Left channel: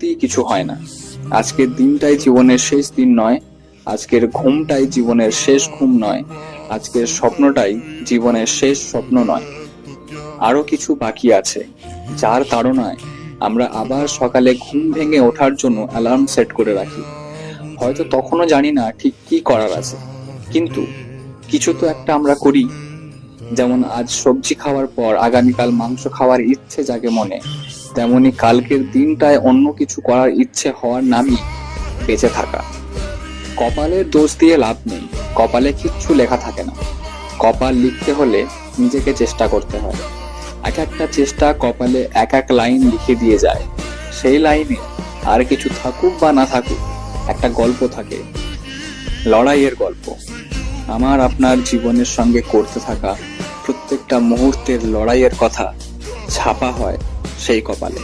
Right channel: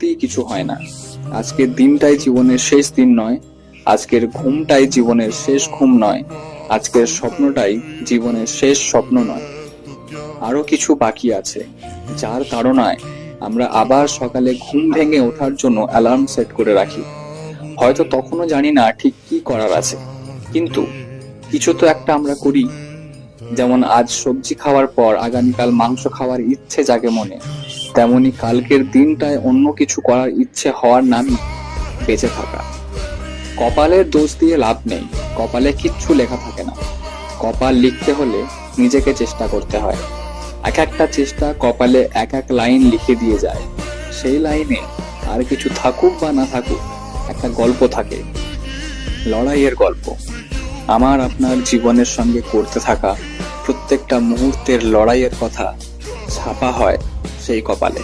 সত্যিই কিছু হয় না। আজকের দিনটাই জীবনের শেষ দিন নয়, আজকের ঘুমটাই জীবনের শেষ ঘুম নয়, আজকের স্বপ্নটাই জীবনের শেষ স্বপ্ন নয়। আরো কিছু বাকি আছে, যার তাড়নায় আমরা আবার সকালে ঘুম ভেঙে ওঠার জন্য অ্যালার্ম সেট করে রাখি। হয়তো তখনও জানি না ঠিক কি করার আছে, কিন্তু কিছু তো একটা আমরা করি। যেমন আজ সবজি খাওয়ার পর আগামীকাল মাংস খাওয়ার ইচ্ছে জাগে মনে, তেমনি কালকের দিনটায় অন্য কিছু করার ইচ্ছে হওয়ার নামই বেঁচে থাকা। কপালের দোষ দিয়ে লাভ নেই, কপালে কিচ্ছু লেখা থাকে না। কপাল লিখতে হলে নিজেকে চেষ্টা করতে হয়। এক একটা চেষ্টা কপালে এক এক লাইন লিখে দিয়ে যায়। সেই লাইনে আর কিছু থাকুক বা না থাকুক, একটা গল্প থাকে, লড়াইয়ের গল্প। আমার আপনার জীবনের সঙ্গে করতে থাকা প্রত্যেকটা মুহূর্তের লড়াইয়ের কথা ছাপা হয় সেই কপালে।